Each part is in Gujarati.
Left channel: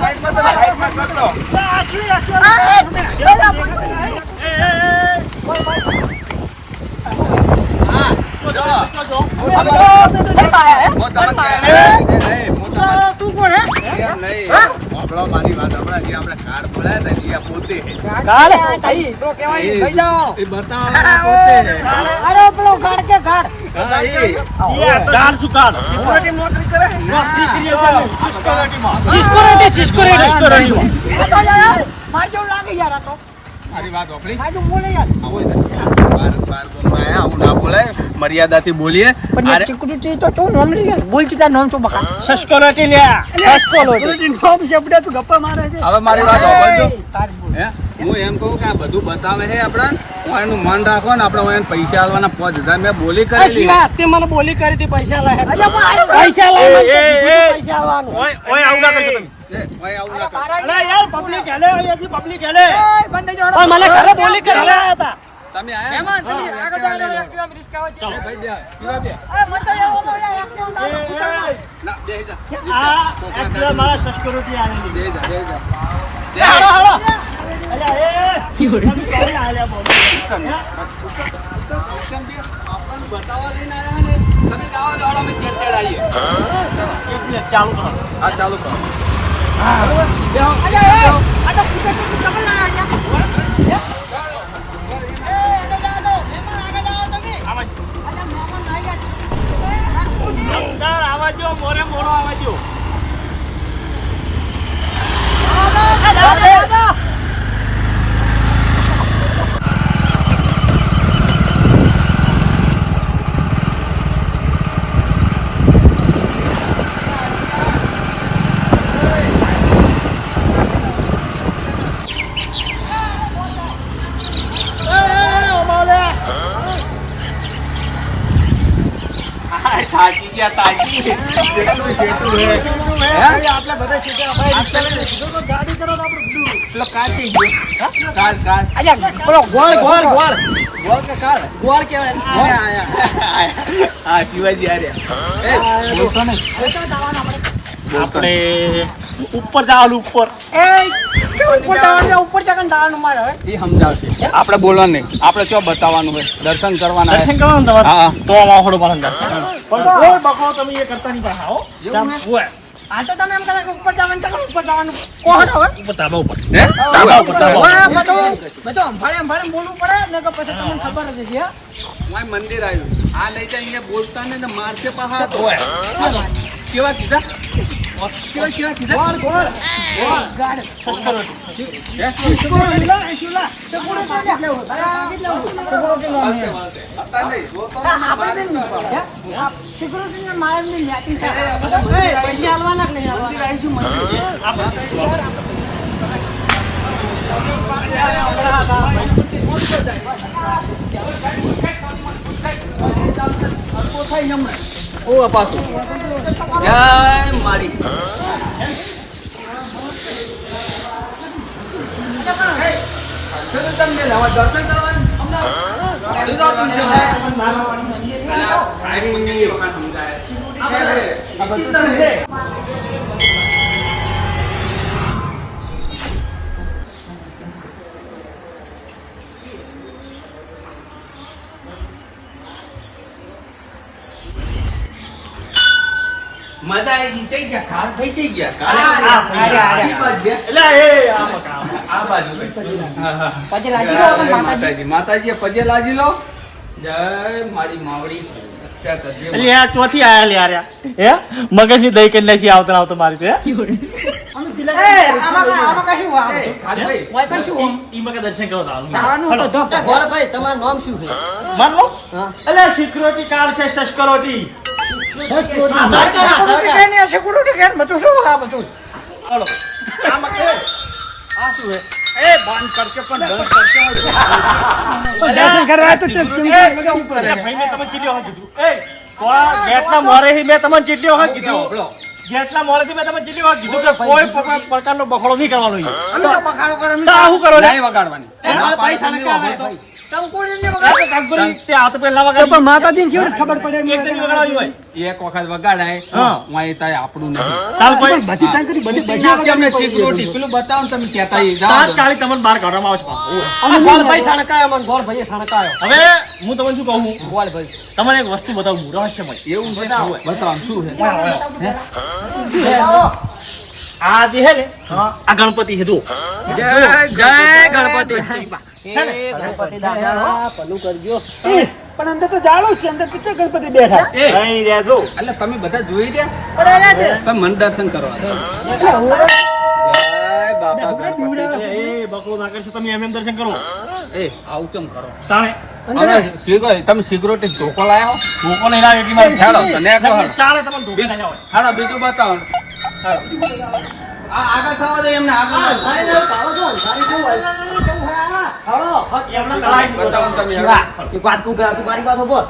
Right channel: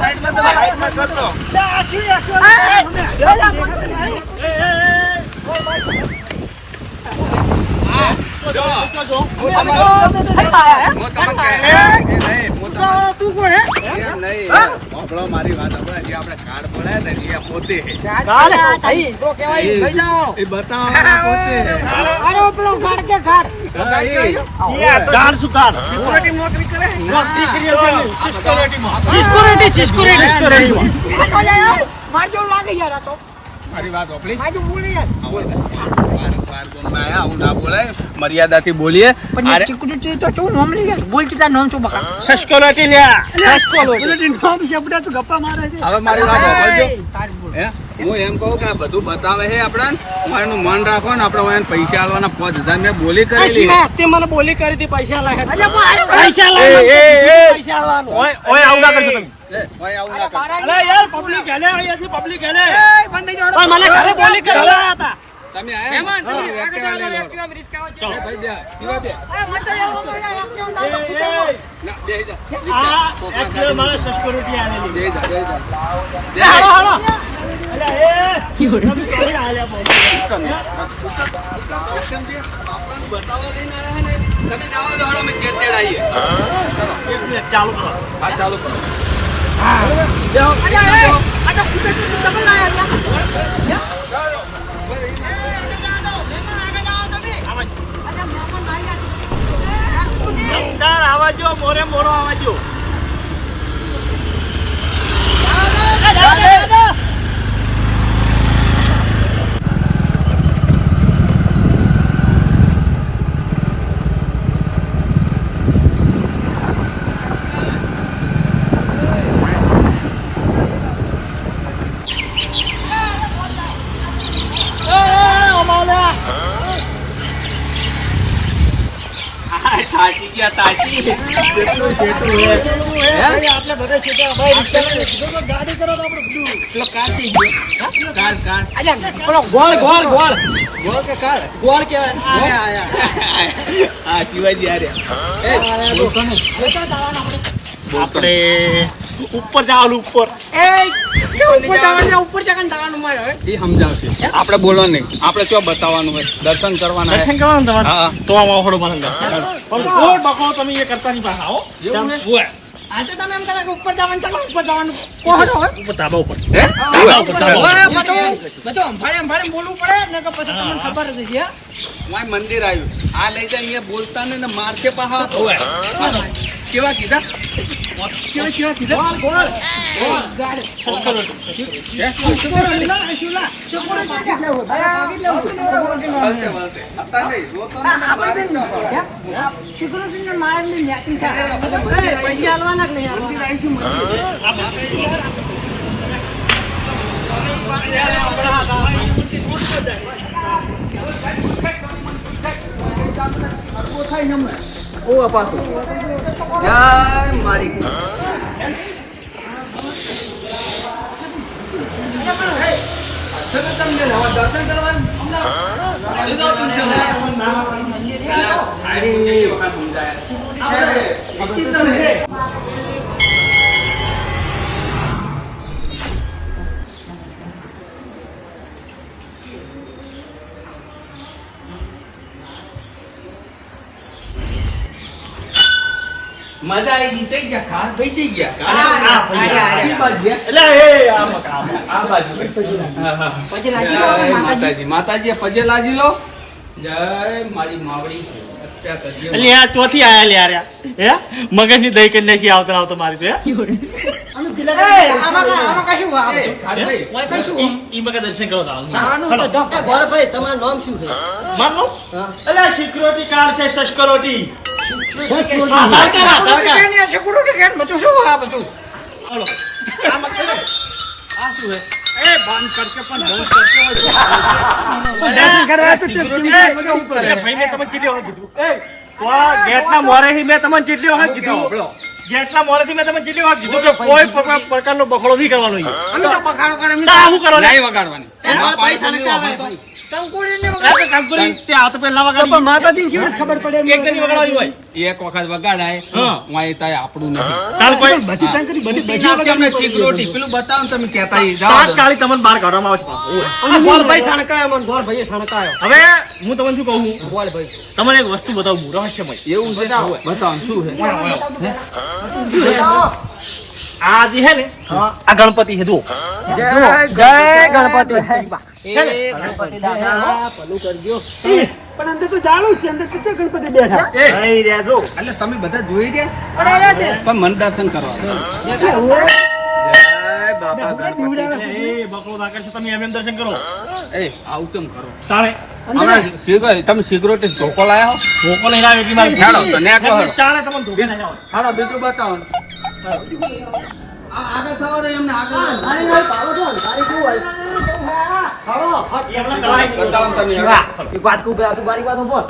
સાઈડમાં તો સાઈડમાં કરતો. મારી વાત હમણાં જે આપણે કાર્ડ બોલાયા હતા એ પોતે નોકરી કરે મારી વાત મર્યાદાથી બોલીએ. હવે મારી વાત હું એમ કહું કે આ બધું બતાવે છે આપણે હું એનું મન રાખો ને આપણે એને પૈસા આલવાના 5000 મેં બોલી કરેલી મને બોલી કરી હતી પૈસા લાગે તમે ચાલુ કરો. આવાજો મોરે મોરો આવાજો. થાકી ગયા તાકી આપણે બધા સીધા ગાડી કરો તો આપણે પેલો કાચી ગયો કાર પેલો ગોળ ગોળ ગોળ ગોળ કે કાર ગોળ કેવાય હા શિવાજી આપણે ઉપર જવાનું ઉપર ઉપર જવાનું જવાનું મારે એ સમજાવશે. આપણે બોલવાનું નહીં, આપણે શું બતાવવાનું હોય, દર્શન કરવાના તો આમાં થોડું પણ બકો તમે એ કરતા નહીં પાછા હો. આ તો તમે એમ કહો કે ઉપર જવાનું ચાલો ઉપર જવાનું કોણ હોય ઉપર તાબા ઉપર હે તાબા ઉપર બધું અંભાળે બોલવું પડે ને કે પછી તમને ખબર જ છે. વાય મંદિર આવ્યું આ લઈ જાય અહીંયા બોલતા ને મારશે પાછા તો કેવા કીધા કેવા કીધા ગોળ ગાડ ઓ પાછું મારી દર્શન કરવાનું મજા આવી ગઈ થઈ ગયા કાર થઈ જઈ ગયા માતાજી પજે લાજી લો. જય મારી માવડી ચોથી આયા હે મગજ ની દહીં કરી નાખી આવતો મારી દર્શન કરો તમારું નામ શું છે? સિક્યુરિટી ગાર્ડ છે સસ્કરોટી. મેં તમને કેટલી વખત કીધું જેટલા મોડેથી મેં તમે કેટલી વાર કીધું કે કોઈ પ્રકારનો બખડો નહીં કરવાનો છે. અમે તો બગાડો કરે અમે શું કરો નહીં વગાડવાની ના પાડી છે નહીં વાપરતો. ટંકુડીને કંકુરી તે હાથ પેલા વગાડી તો માતાજીને જેવું ખબર પડે એક જણી વગાડવાની હોય એક વખત વગાડાય હા. વાંય તાય આપણું નહીં તાલ કોઈ બધી ટંકડી બધી નાખશે અમને સિક્યોરિટી પેલું બતાવો ને તમે કહેતા ઈ જાઓ દો. તાત્કાલિક તમને બહાર કાઢવામાં આવે છે પાછું. અમે ગોળભાઈ સણકાયો મને ગોળભાઈએ સણકાયો હવે હું તમને શું કહું ગોળભાઈ તમને એક વસ્તુ બતાવું રહસ્યમય એવું છે બતાવો શું છે આ જે છે ને આ ગણપતિ છે જુઓ જય ગણપતિ ગણપતિ દાદા ભલું કરજો પણ અંદર તો જાણું છે અંદર કેટલા ગણપતિ બેઠા એ અહીં રહેજો એટલે તમે બધા જોઈ રહ્યા તો મન દર્શન કરવા જય બાપા ગણપતિ. એ બકરો ના કરશો તમે એમ દર્શન કરો એ આવું કેમ કરો તારે હમણાં તમે સિક્યોરિટી ધોકો લાયા હો? ધોકો નહીં લાવે એટલી મારે હેડો તો નેટ લો હેડો. તારે તમને ધોકે નહીં આવે હાલો બીજું બતાવો આ આગળ થવા દે એમને આગળ બતાવો ને તમે હેડો. એક વાત તું પેલા મારી વાત હોભળ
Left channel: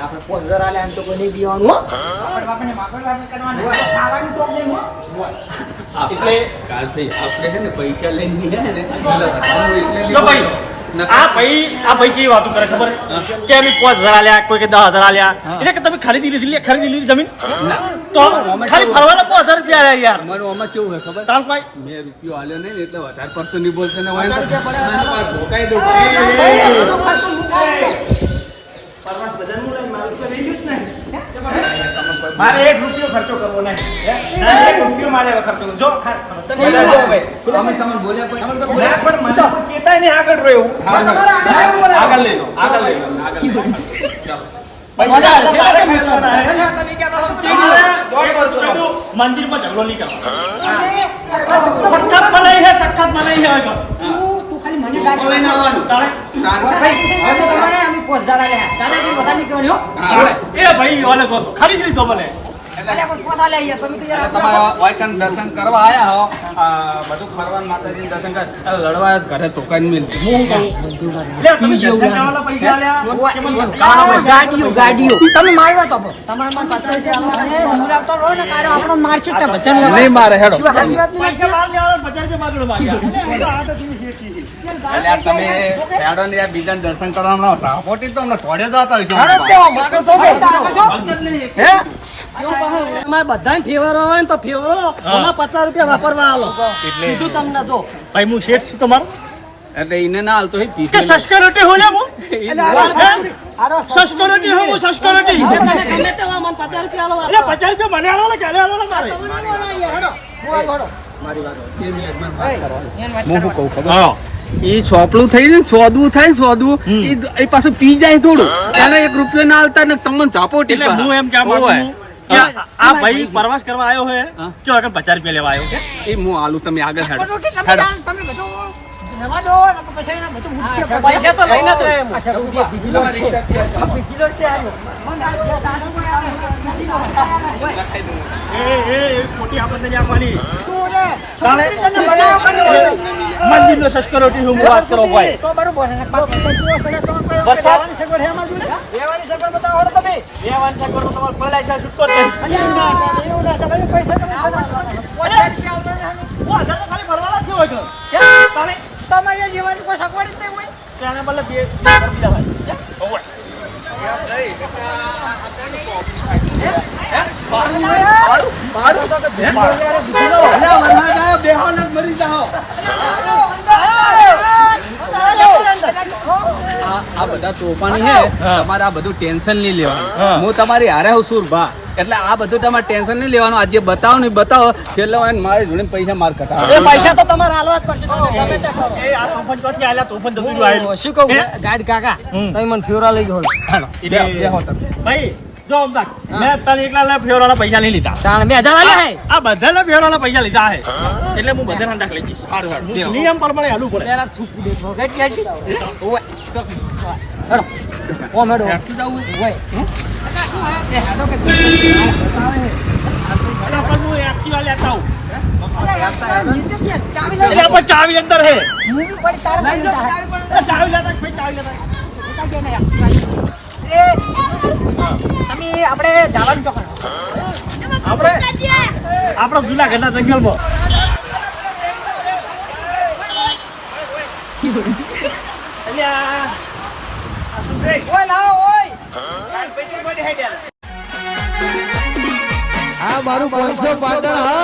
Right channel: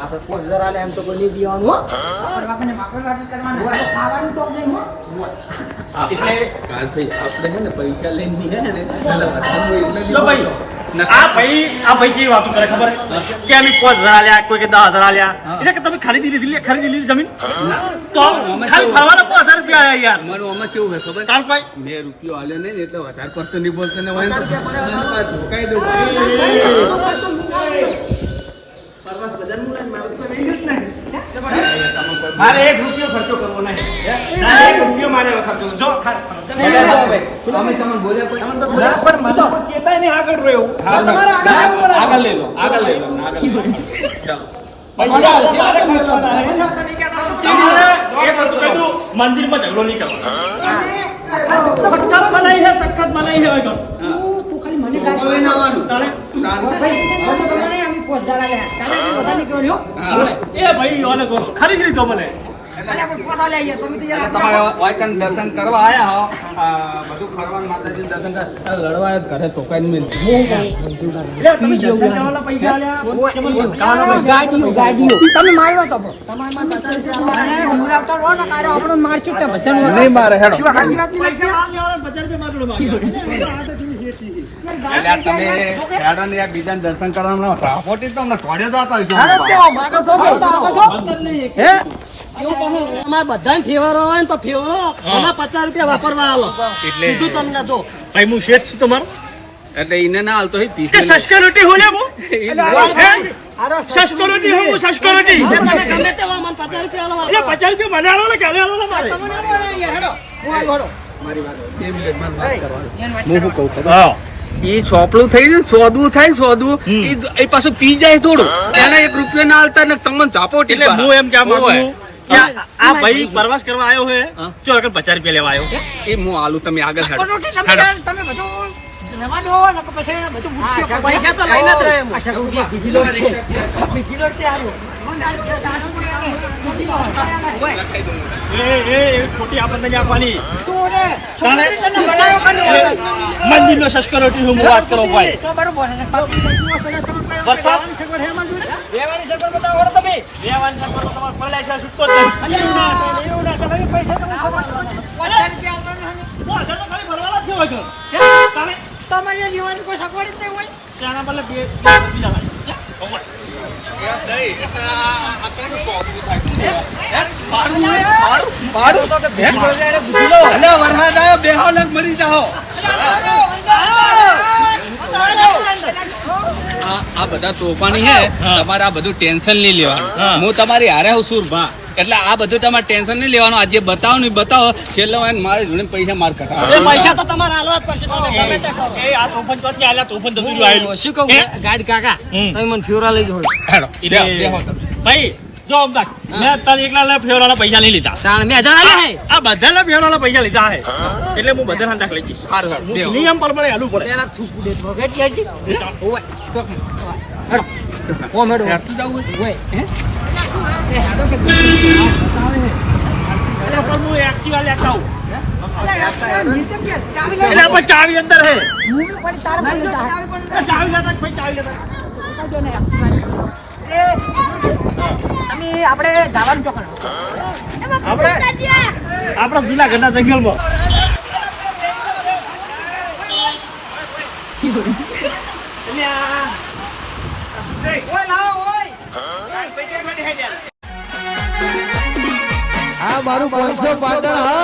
આપણે 5000 આલે એમ તો કોઈ નહીં દેવાનું હો ખાવાનું તો નહીં હો એટલે કાલથી આપણે છે ને પૈસા લઈને નીકળે ને એટલે વધારે એટલે જો ભાઈ આ ભાઈ જે વાતો કરે ખબર કે અમે 5000 આલ્યા કોઈ કે 10000 આલ્યા એટલે કે તમે ખરીદી લીધી જમીન તો ખાલી ફરવાના 5000 રૂપિયા આલ્યા યાર અમારું આમાં કેવું હોય ખબર તાર કોઈ મેં રૂપિયો આલ્યો નહીં ને એટલે વધારે પડતો નહીં બોલતો ને હોય તો ધોકાઈ દઉં પરવાસ બજારનું લઈને મારું તો લઈ લ્યું જ નહીં મારે 1 રૂપિયો ખર્ચો કરવો નહીં 1 રૂપિયો મારે ખર્ચો કરવો જો તમે તમને બોલ્યા કોઈ પણ મજા તો કેતાય નહીં આગળ રહ્યો આગળ લઈ લો આગળ લઈ લો આગળ લઈ લો. ચાલો પૈસા મંદિર માં ઝઘડો નહીં કરવાનો સખત મનાઈ હે હવે તું ખાલી મને ધોકો લઈને આવવાનું તારે શાંતિ. હવે તો તમારે આમ 5000 આલે તારે બધા નીકળ્યો હા. એ ભાઈ ઓલે કો ખરીદ લીધો ભલે અરે પણ 5000 લઈ તમે તો એટલે તમારે વાયકન દર્શન કરવા આયા હો બધું ફરવાનું માતાજી દર્શન કરે લડવા ઘરે તો કઈ મિલ લે તમે દર્શન કરવાના પૈસા આલ્યા કે મને ધમકાવાના પૈસા ગાડીઓ તમે મારવા તો તમારામાં 50 અરે હું આપતો રો ને કારો આપણો મારશે તો બચન નહીં મારે હેડો શું હાજી વાત નહીં પૈસા આલ્યા 50 રૂપિયા એટલે આ તમે હેડો ને યાર બીજાને દર્શન કરવાનું ટ્રાન્સપોર્ટ તો અમને થોડે જતા હોય અરે દેવા માગો છો કે હે તમારે બધાને ફેવરો હોય ને તો ફેવરો આમાં 50 રૂપિયા વાપરવા આલો કીધું તમને જો ભાઈ હું શેઠ છું તમારો એટલે એને ના હાલતો પીસ કે સસ્કરોટી હો લે હું સસ્કરોટી હો હું સસ્કરોટી મને ગમે તે મને 50 રૂપિયા આલો એટલે 50 રૂપિયા મને આલો ને કે આલો ને મારે તમને આલો યાર હેડો હેડો મારી વાત હું શું કહું ખબર હા એ ચોપલું થઈ ને સોદવું થાય ને સોદવું એ પાછું પી જાય થોડું અને 1 રૂપિયા ના હાલતા ને તમને ઝાપોટી એટલે હું એમ કહેવા માંગુ છું કે આ ભાઈ પ્રવાસ કરવા આવ્યો છે કે આગળ 50 રૂપિયા લેવા આવ્યો એ હું આલુ તમે આગળ હેડો તમે બધું જવા દો ને પછી બધું ઉઠશે પૈસા તો લઈને જ રહે અચ્છા રૂપિયા બીજી લોટ છે બીજી લોટ છે આલો એ એવી ખોટી આપણને જ આપવાની તું રે ચાલે તને બનાવો કનો મંદિરનો સસ્કરોટી હું વાત કરો ભાઈ તો બરોબર છે વરસાદ સગવડ હેમાં જોડે રહેવાની સગવડ બતાવો તમે લેવાની સગવડ તો તમારે પલાઈ જાય છૂટકો જ નહીં એવું ના તમે પૈસા તમે સગવડ 50 રૂપિયા આવવાના ઓ હજાર તો ખાલી ભરવાના જ છે હોય છે તારે તમારે જીવવાની કોઈ સગવડ જ નહીં હોય ત્યાંને બદલે બે કરી જવાય ઓય આ બધા તોફાની હે તમારે આ બધું ટેન્શન નહીં લેવાનું હું તમારી હારે હું સુરભા એટલે આ બધું તમારે ટેન્શન નહીં લેવાનું આજે બતાવો ને બતાવો છેલ્લે મારે જોડે પૈસા માર કટાવો પૈસા તો તમારે હાલવા જ પડશે ગમે તે કરો એ આ તોફાન ચોથી આલ્યા તોફાન જતું રહ્યું આયેલું શું કહું ગાડી કાકા તમે મને ફ્યુરા લઈ જાઓ હેડો બેહો તમે. ભાઈ જો અમદાક મેં તારે એકલા ફેવરાના પૈસા નહીં લીધા તાણ 2000 આલે હે આ બધાના ફેવરાના પૈસા લીધા હે એટલે હું બધા હાંધાક લઈ જઈશ હારું હેડો, બેહો. નિયમ પ્રમાણે હાલવું પડે પેલા થૂકી દે ભગત જાજી ઓવે. હેડો ઓ મેડો હેડતું જાવું હોય? ઓય હે એ હેડો કે બતાવે હે એના પર હું એક્ટિવા લેતા આવું નીચે ક્યાં ચાવી એટલે પણ ચાવી અંદર હે હું પડી તાર પર ચાવી લેતા ભાઈ ચાવી લેતા તમે આપણે જવાનું ચોકણ આપણે આપણા જૂનાગઢના જંગલમાં આ મારું 500 પાટણ હા